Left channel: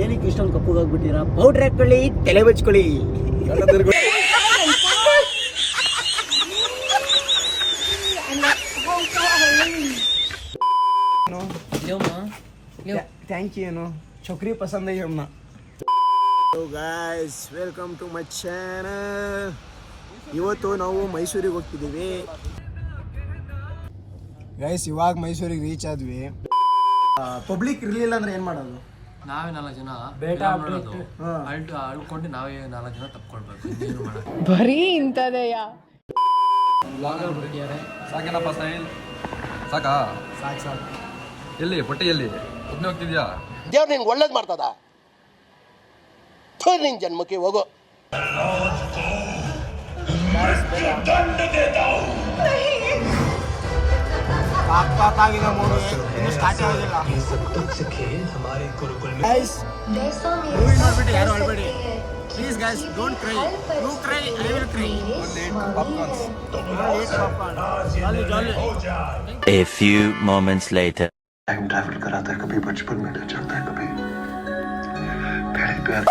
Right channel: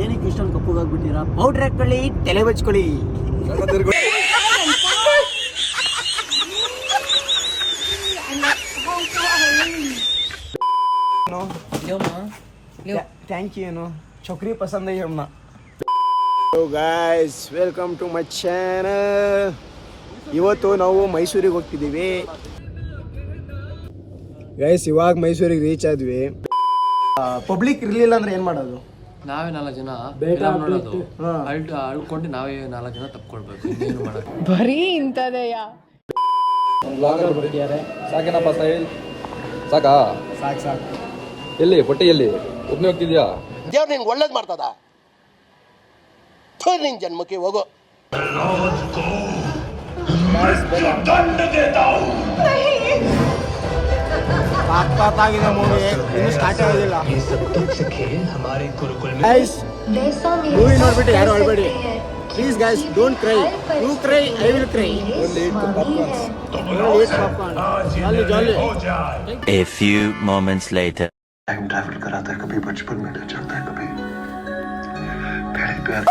ಏನಕ್ಕೆ ಇಷ್ಟೊಂದು ಕಪ್ಪುಗಾಗ್ಬಿಟ್ಟಿರಾ? ಪೌಡ್ರ್ ಹಾಕೊಳ್ಳಿ, ತಲೆ ಬಚ್ಕೊಳ್ಳಿ. Thank you. ಏನು ಚೌಕ್ರಿ ಪಸಂದ್ है हमना. So guys, welcome to my channel. ಇವತ್ತು ನಾವು ಮೈಸೂರಿಗೆ ಹೋಗ್ತಿದ್ದೀವಿ ಗೈಸ್. ಇವಾಗ ಮೈಸೂರಿಗೆ ರೀಚ್ ಆದ್ವಿ. ಪಬ್ಲಿಕ್ ಇರ್ಲಿಲ್ಲ ಅಂದ್ರೆ ಏನ್ ಮಾಡೋದು? ನಾವೇ 4 ಜನ ನೋಡೋದು, ಅಳ್ಕೊಂಡು ನಾವೇ 4 ಜನ ತಪ್ಕೊಳ್ಬೇಕು. ಏನು ಮಾಡೋದು? ಬರೀ ಇಂಥದೆಯ ಸಾಕೇನಪ್ಪ ಸ್ಟೈಲ್? ಸಾಕಾ? ಸಾಕು. ಎಲ್ಲಿ ಹೊಟ್ಟೆ ಎಲ್ಲಿ ಒಬ್ಬನೇ ಹೋಗ್ತಿದ್ಯಾ? ದೇವ್ರು ನಿನ್ಗೆ ಒಳ್ಳೇದು ಮಾಡ್ತದ? ನಿನ್ ಜನ್ಮಕ್ಕೆ ಹೋಗೋ. ಸಾಕಾಗಿದೆ ಮೂವಿ, ಇನ್ನು ಸ್ಟಾರ್ಟ್ ಆಗಿಲ್ಲ. ಮೂವಿ ನೋಡ್ಬಿಟ್ಟು ಯಾರು ಅಳ್ಬೇಡಿ please guys. Don't cry. You cry, I will cry. Only eat popcorn. Jolly. A few moments later. Time travel कराता है, कभी बचपन में ले जाता है, कभी पहले प्यार.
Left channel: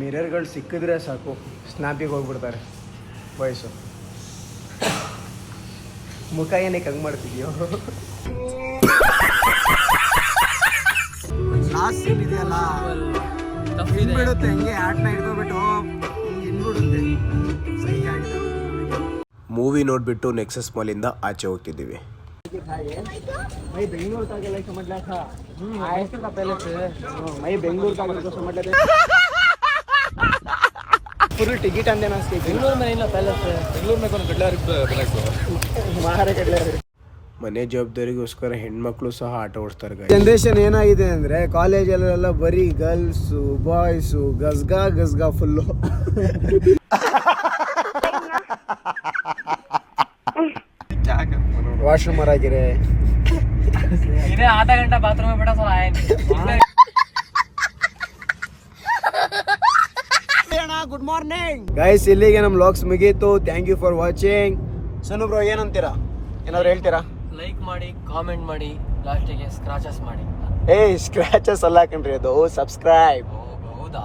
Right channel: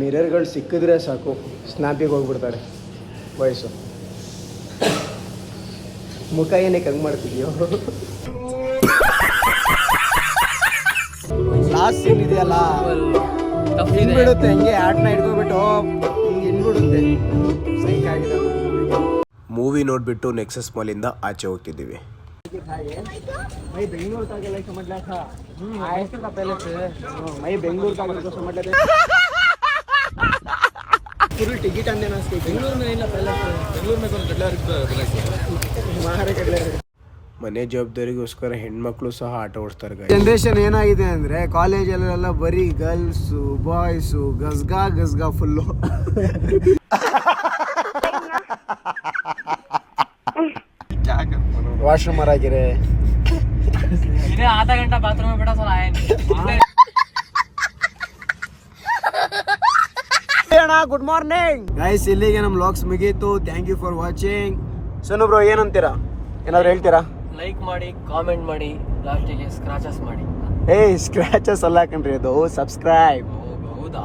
ಮಿರರ್ಗಳು ಸಿಕ್ಕಿದ್ರೆ ಸಾಕು, ಸ್ನ್ಯಾಪಿಗೆ ಹೋಗ್ಬಿಡ್ತಾರೆ ವಯಸ್ಸು. ಮುಖ ಏನಕ್ಕೆ ಹಂಗೆ ಮಾಡ್ತಿದ್ಯೋ? ಲಾಸ್ಟ್ ಸೀನ್ ಇದೆಯಲ್ಲ, ಹಿಂಗ್ಬಿಡುತ್ತೆ ಹಂಗೆ ಆಟನ ಹಿಡ್ಕೊಬಿಟ್ಟು ಹಿಂಗೆ ಹಿಂಗ್ಬಿಡುತ್ತೆ. ಸೈಕ್ ಆಗಿದೆ ಮೂವಿ ನೋಡ್ಬಿಟ್ಟು ನೆಕ್ಸಸ್ ಮಾಲಿಂದ ಆಚೆ ಹೋಗ್ತಿದ್ದೀವಿ. ಮೈ ಬೆಂಗಳೂರು ಕಾಗಲ್ಲ ಸಮझला था. ऐसे का पहले से मई बेंगलुरु का को समझ लेते. फुल टिकट अंदे ना इसके बेंगलुरु में नहीं ना पहले से. बेंगलुरु में कौन ಮಾರೆ ಕಡ್ಲೆ. ಮನೆ ಜವಾಬ್ದಾರಿಗೋಸ್ಕರ ಹೆಣ್ಮಕ್ಳು ಸಹ ಆಟ ಓಡಿಸ್ತಾರೆ. ಜನರೇಷನ್ ಏನಾಗಿದೆ ಅಂದ್ರೆ ಕಾಲೇಜಲ್ಲೆಲ್ಲ ಬರೀ ಗರ್ಲ್ಸು ಬಾಯ್ಸು ಗಸ್ಗಾ ಫುಲ್ಲು. ವಾಶ್ರೂಮ್ ಆಗಿರೆ आधा घंटा बाथरूम में बैठा तो आया नहीं. Good morning guys. ಇಲ್ಲಿಗೆ ನಮ್ಮ ವ್ಲಾಗ್ಸ್ ಮುಗೀತು. Thank you for watching. ಸಣ್ಣ ಬ್ರೋ ಏನಂತೀರಾ? ಏನಾದ್ರು ಹೇಳ್ತೀರಾ? ಲೈಕ್ ಮಾಡಿ, ಕಾಮೆಂಟ್ ಮಾಡಿ, ಲಾಸ್ಟಿಗೆ ಸ್ಕ್ರಾಚಸ್ ಮಾಡಿ. ಸ್ಕ್ರಾಚಸ್ ಅಲ್ಲ ಕಂಡ್ರಿ, ಅದು ಸಬ್ಸ್ಕ್ರೈಬ್. ಹೌದಾ?